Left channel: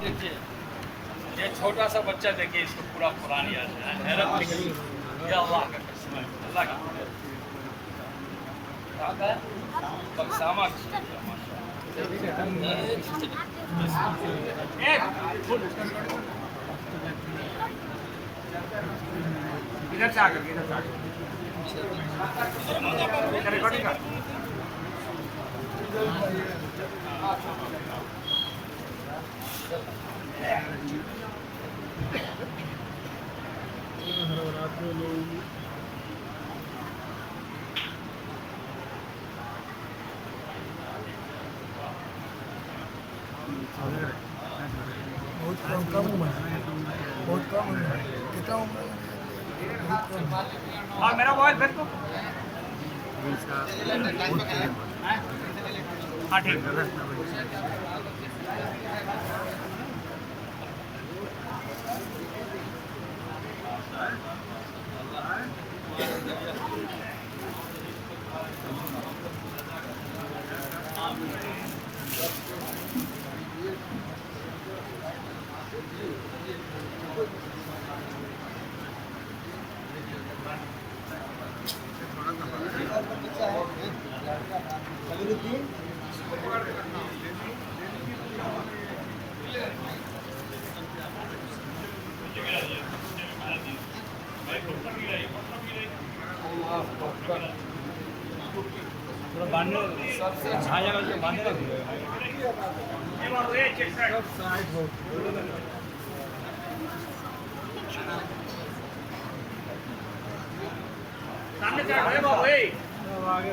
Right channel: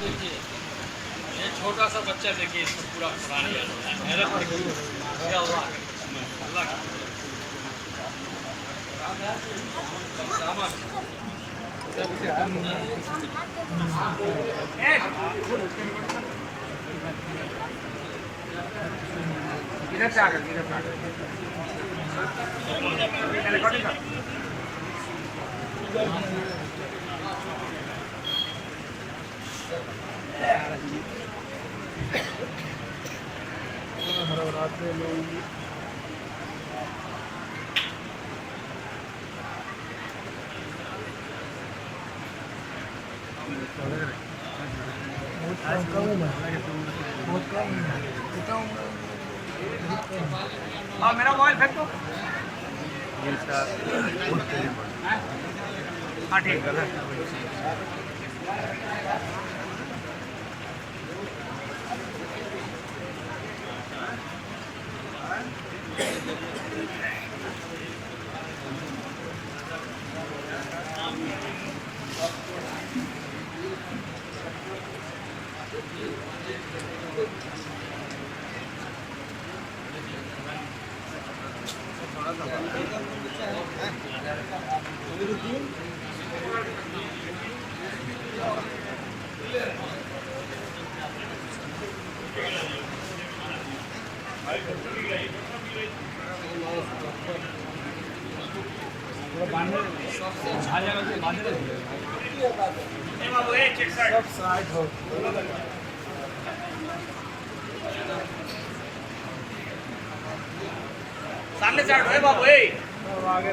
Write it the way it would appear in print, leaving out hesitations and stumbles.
देखिए ये छोटा सा बच्चा देखिए इसको पूरा कुरान याद है हैरत दिखी ये अल्लाह का अल्लाह का सामान इधर से आकर रिकॉर्डिंग कर बहुत कम उम्र बहुत कम उम्र कितना उम्र बहुत कम और मेरा मोबाइल फेंक दो हाँ ठीक है पूरा बांधने झाया करके बांधने लग गया ए बाबू ए चेक साइड सब साइड हो सामने से हटो ए बाबू ए आगे